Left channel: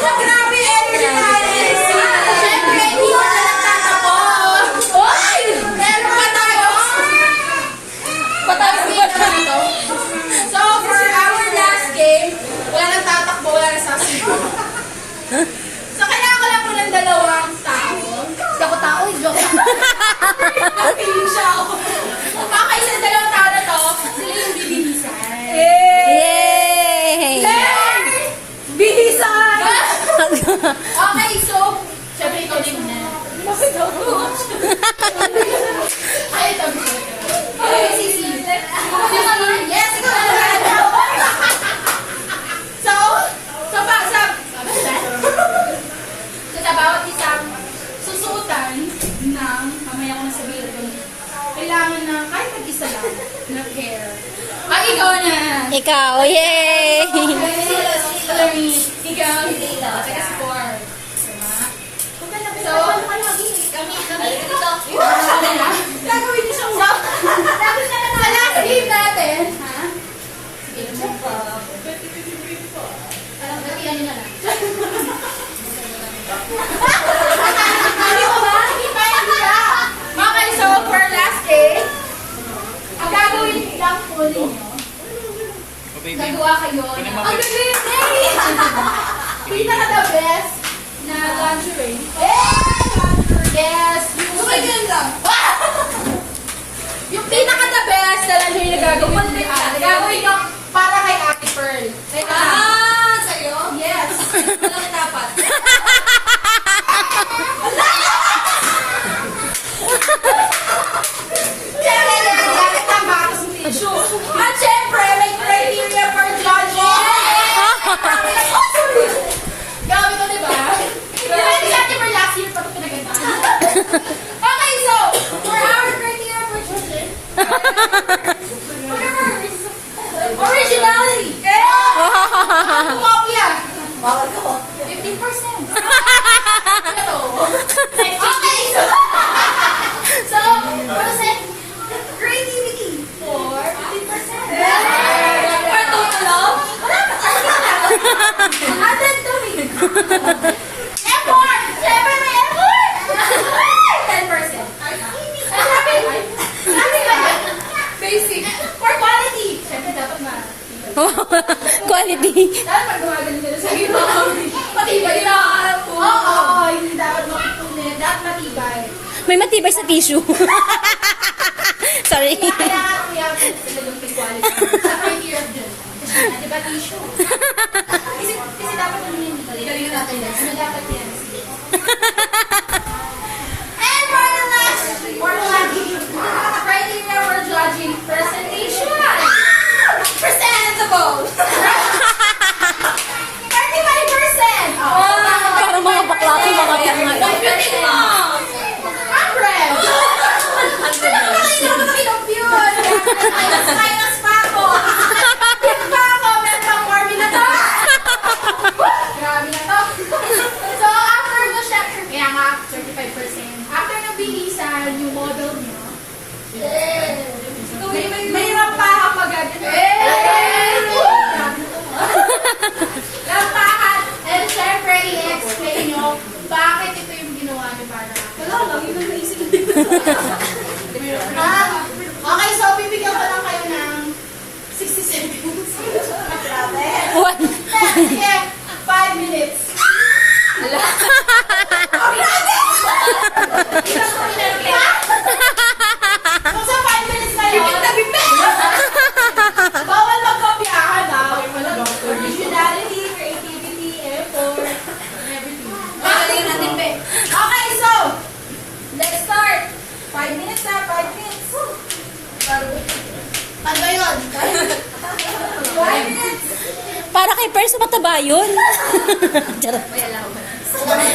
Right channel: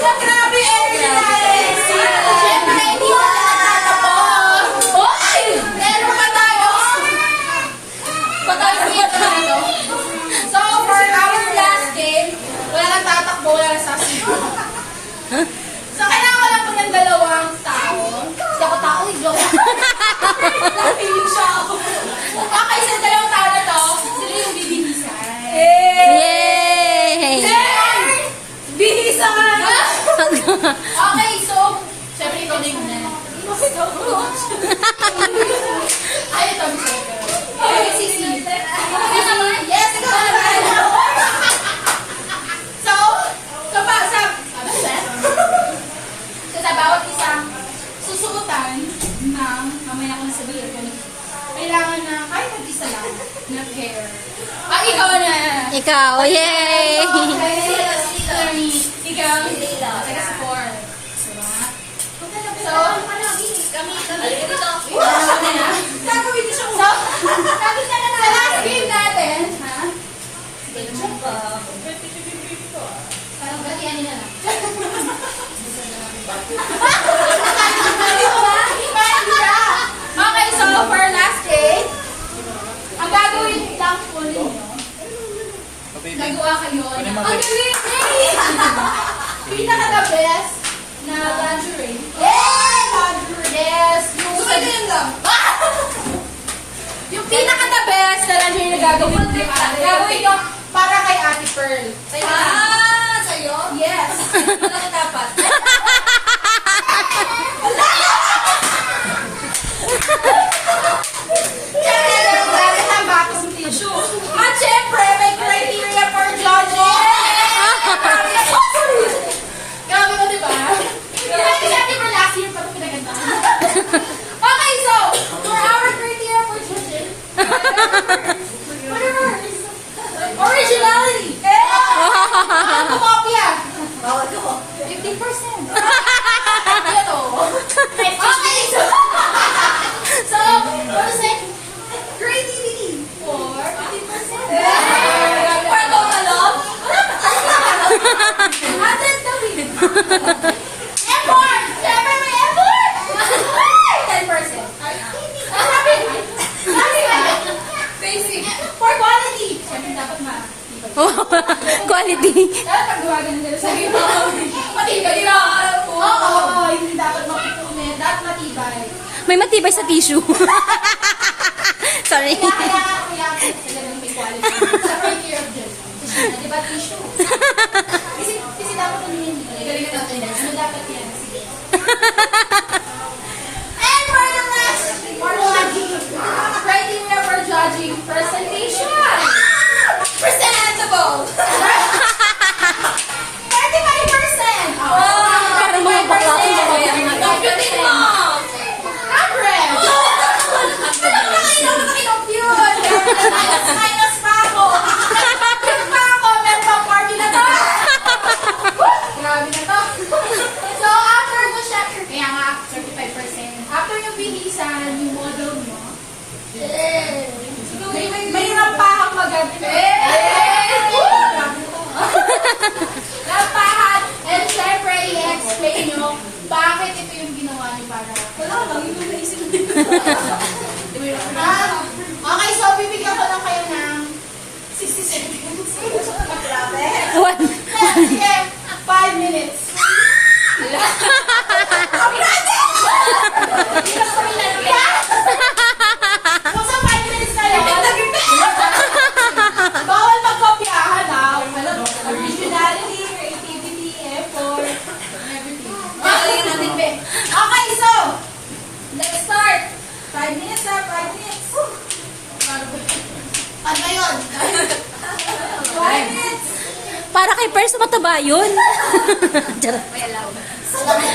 Grabe, energy tayo. Siyempre, hindi wala nagtatapos. Hoy! Meron pa tayo. Patalo ba tayo? So, for our last game, wala nang tatakbo, wala nang sasayaw. So, kailangan ko lang po ng dalawang tao. Hindi ako tao, joke. Napiling siya ako. Okay, sa dalawang tao na to, sila yung bibihisan. Yay! Bihisan! Okay, so, syempre ito din muna. Bakit ako? Ay, ito. Okay, sisi. Sino naman? Yes, ito naman. So, sa bawat isang susuotan ng, mamaya ko nasabihin ko, kailangan na kahit mag-isa lang na pair. Ay, ikaw na! Ikaw, yay! Ikaw, teka sa four. So, kami dito. Gagawin niyo siya. Sa last game natin, ha? Sige, parang gatihan niyo na lang. Hindi mo ba? Hindi ka. Okay, so for last day, ang gagawin lang po ninyo, gagawa kayo. Ang galing! Pinaka-the best na lingerie. Yes! Yung pinaka-the best na lingerie na gagawin niyo. Gagawin ko para kay Ate Pearl. Sa'yo? Yes. Ano dapat? Siyempre, gamit ang box tissue. At siyempre, may criteria for judging. Gamit mo, diba? Diba, sa atin for last year pa ito pinagandaan. Okay, so, for our criteria for judging, whatever, originality. Ako kopya. 50%. Ito. Okay, so, percent creativity for 50%. For total of? Atin to me. Effort! Siyempre may effort! 10%. Basic. For quality. Siyempre dapat Quality. dapat pag gumagano nila sa iba. Matibay na. Oo, hindi dapat makipunin. Dapat matibay. May matibay sa tissue. Sorry. Kaya pinagong may quality. Sa criteria dyan. Di ba tissue? Kasi dapat ano yun. Galingan natin yan. Ano dapat yan? And for the last, for judging. Criteria for judging. Presentation. Presentable. 35%. Parang mga bakla ko mga yan nga. Computing mo. 100. Minus pa ako. Minus pa ako. Meron pang formula to. Grabe na to. So, after mo siya, kaya nga, 35%. After nang bihisan yung model nyo, may rampahan magabi. Rampahan. And syempre, i-explain nyo bakit ito yung ginawa nyo para. Wala lang, yung naisip nyo. Okay, so bibigyan ko lang kayo ng 60 seconds. One. 5 minutes. Wala. Kung sa 5 minutes na yun, bawal magkopyahan ha. Originality, creativity, effort, everything. Galingan natin, be. Okay, so, let's start. 5 minutes na, 5 minutes. Ano ba yun? 5 minutes. Para kay Pers, mataba yun. Charot. May allowance.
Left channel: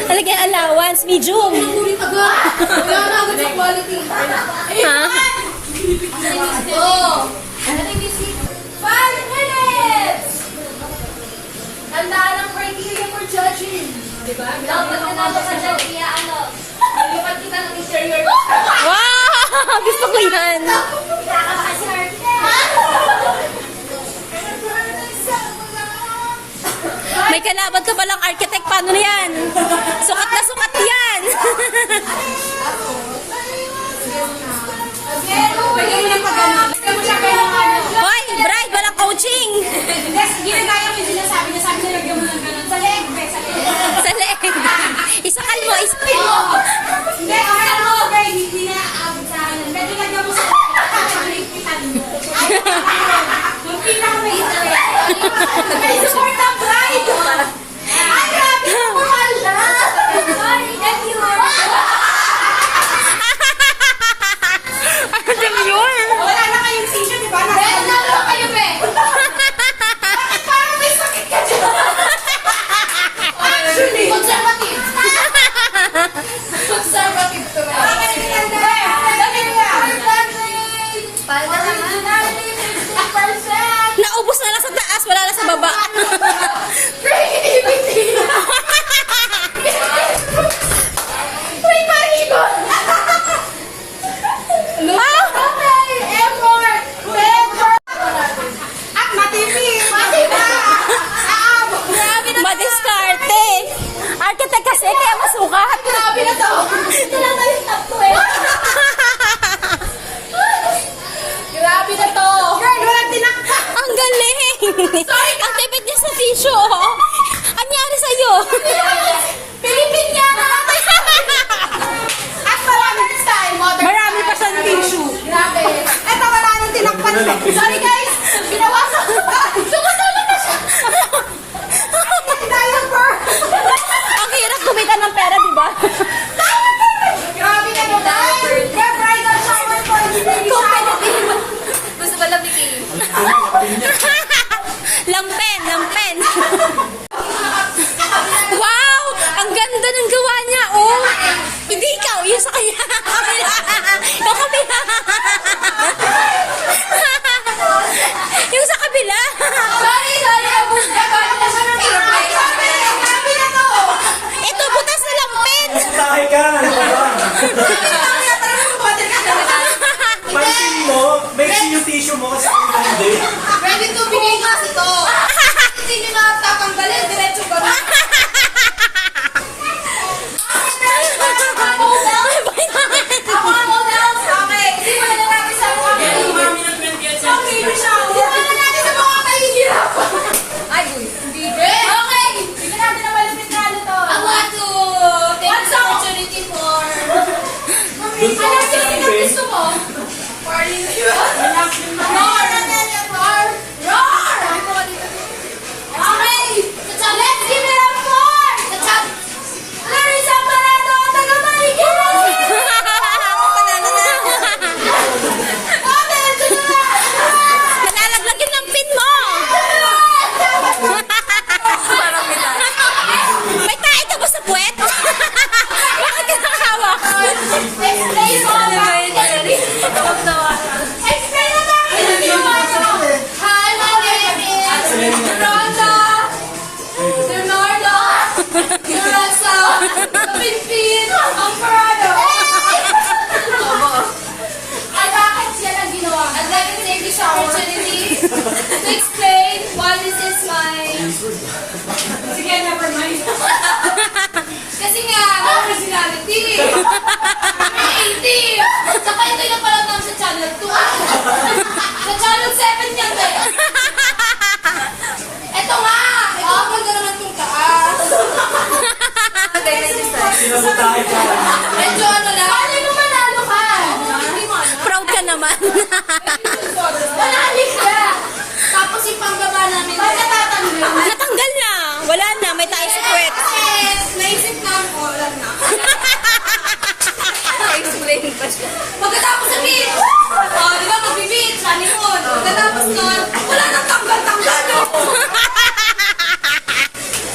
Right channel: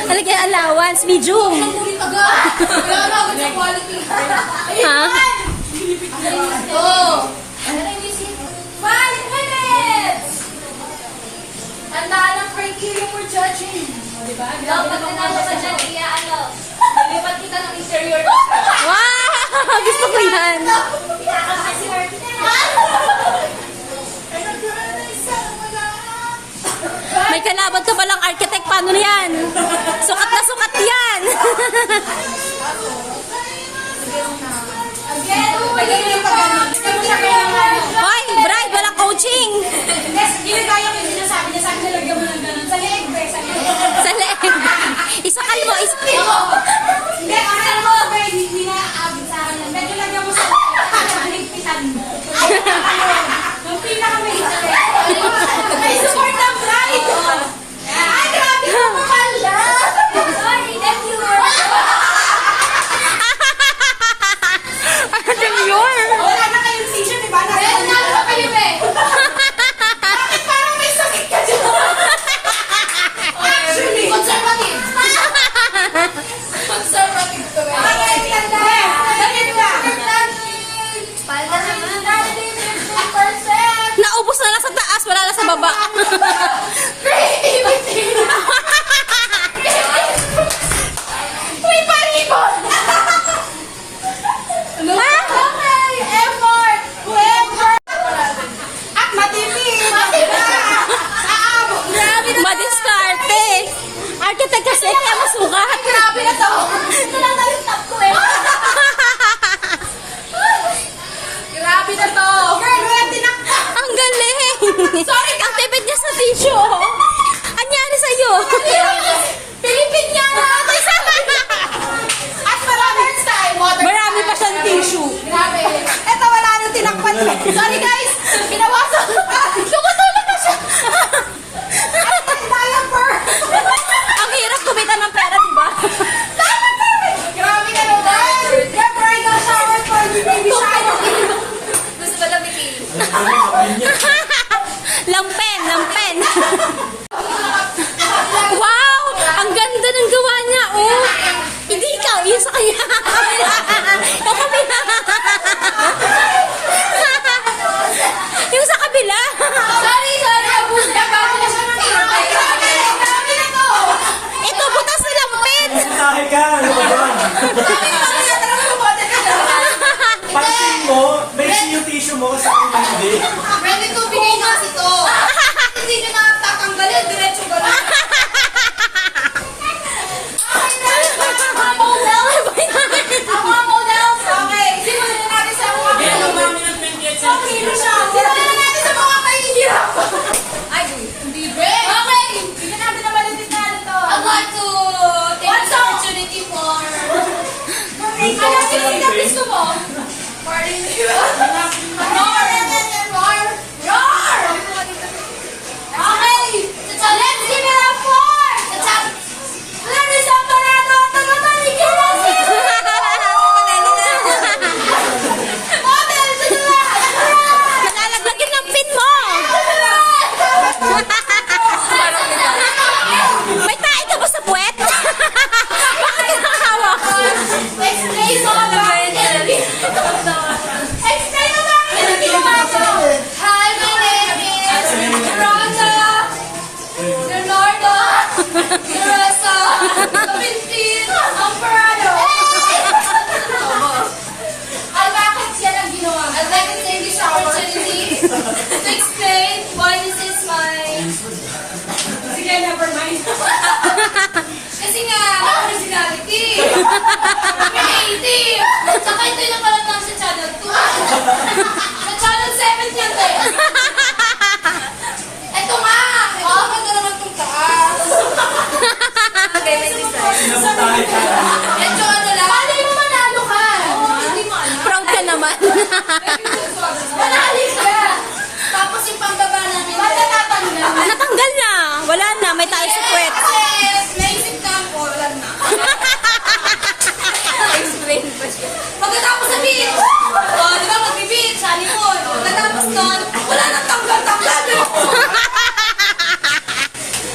Talagay allowance, medium. Ulit agad. Kailangan na agad sa quality. Ha? Oh. Ano na yung visit? 5 minutes! Ang daan ng criteria for judging. Diba? Dapat na naman sa dyan, kaya ano, nalipat kita ng interior. Wow! Gusto ko yan. Pinakabaka si Harvey na. May kalaban ka palang architect. Paano na yan? Sukat na sukat yan. Pwede mo na pag ano. Pero siya kailangan. Hoy, bride, walang coaching. Yes, ginagaya mo yung sinasabi niya. Sabi niya, lagyan mo ng ganun. Sa leeg, be. Sa leeg. Sa leeg. Isakal mo, isakal mo. Hindi, akala mo, be. Hindi na aabot sa akin. Medyo lagyan mo sa leeg. Pitan mo. Yung pinaka-may sa leeg. May support ang bride. Ay, grabe ko pala. Sorry, that you were. Ano yun? Wala na kayong tissue, di ba? Nalo kayo, be. Bakit parang may sakit ka dyan? Actually. Conservative. Conservative to, be. Be, damit ka. Palda naman. 50%. Naubos na lang sa taas, wala na sa baba. Creativity. May panibon. Okay, effort. Effort. At matipid. Aabot. Grabe na. Madiskarte. Architect kasi, kaya masukat. Grabe na to. Tinata yung top ko eh. Grabe na to. Girl, walang tinakta. Ang galing. Sorry ka. Ang tipid niya sa tissue, oh. Anyari sa'yo? Pilipinyana. At maraming style. Marami pa siyang tissue. Grabe. Eto, wala nang tinakpan. Sorry guys. Binawasan ko pa. Sukatala na siya. Diaper. Ang hirap kumita ng pera, di ba? Grabe ka naman. Get bridal shower for the baby shower. Gusto ba lamitin? Lampen, lampen. Wow! Ang ganda ng gawa niya, oh. Hindi ikaw, yun sa kanya. Kabila. Sa kabila. Yung sa kabila. Sorry, abun. Grabe na siya ng kamay. Grabe na to. Ito, butas na lampen. Tahe ka! Ano ba ba? Pansin mo, may yung tissue mo kasi ako hindi. Ready to bigay na ito. Hindi nyo na tatanggalin. Diretso ko na. Ang mga models, okay. Simulan na natin sa mga Simulan na natin sa mga kahihirap. Ay, hindi be. Okay. Simulan natin na balutin na ano to. I want to take What's this up? opportunity for... Ano sino na gusto mo? Party. Roar! Roar! Roar! Okay. Let's give it up for Larissa Toledo, taga Marikina. Model, Nalalaglag ng pin mo. May tae ka ba sa puwet? Bakit ka nakahawak? Explain mo na. Explain mo na. Hi, my name is Rhonda. Leonardo. Urasa. Pinpin. Amparado. Ay, bakit siya ang ginawa? I'd like to take this opportunity to explain why this is my... Sige, never mind. Kasi nga, originality. Creative. Saka ito yung napalatang sa channel 2. Sa channel 7 yan tayo. Ito nga. Oh, magdala ng itong taas. Sinabutahe ka. Medyo ano lang. Paano yung manalo ka? Hindi mo ano. Proud ka naman. Manalik ka. Tapos yung pangbaba namin. Ba't natatanggal? Natanggal na. Wala na. May tayo sa puwet. Kasi naisip na ako, wala na. Explain pa siya. Pagkatapos sa beach, di ba mag-beach, honeymoon. Pagkatapos nun, wala nang tanggal-tanggal.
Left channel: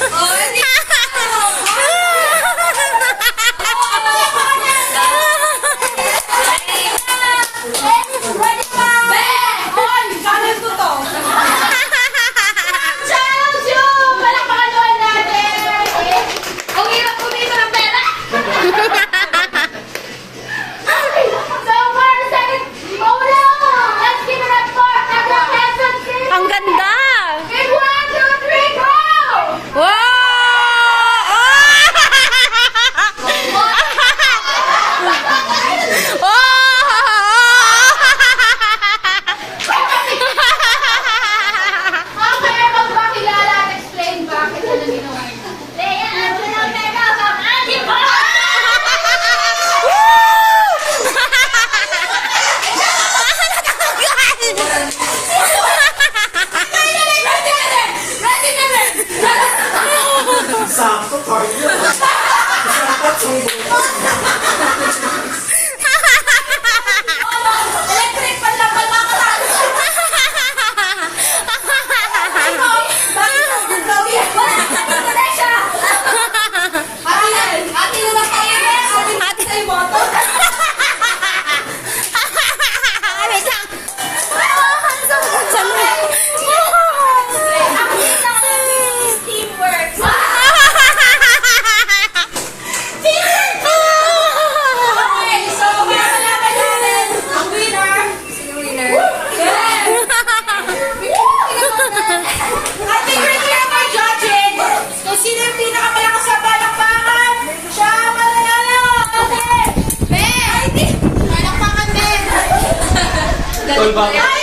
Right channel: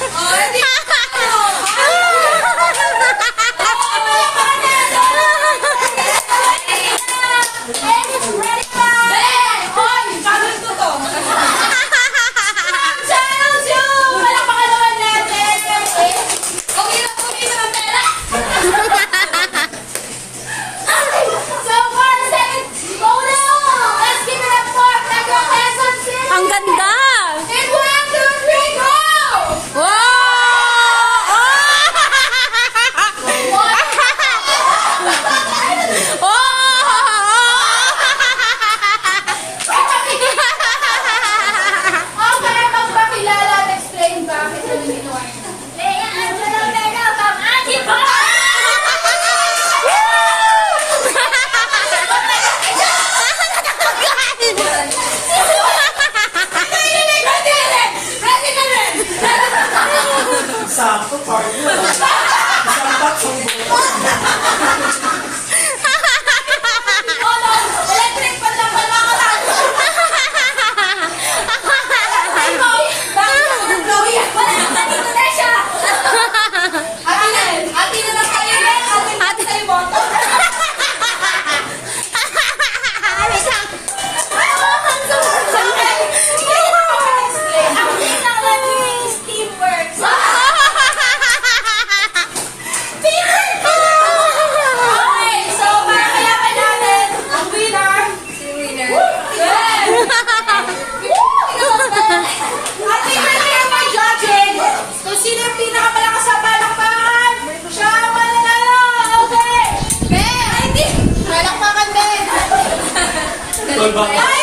Hindi. Channel 2 to. Channel 2! Palakpakan naman natin. Ang hirap kumita ng pera. So, for our second model, let's give it up for Quezon City. Ang ganda. In 1, 2, sakto, partner. Isang tatsong buto. Electric pa lang pala ko na. Ito na siya. Ate na lang kayo. Ate na yung boto. Ano sa... Ang pinaka is teamwork. Okay, so mamaya ka natin. Ang winner. Yes. At favorite nila mga judging. Kung sino yung pinakamalakas sa palakpakan, siya ang mananalo. Okay. Ben! Palakpakan, Ben. Tol, baka. Ay,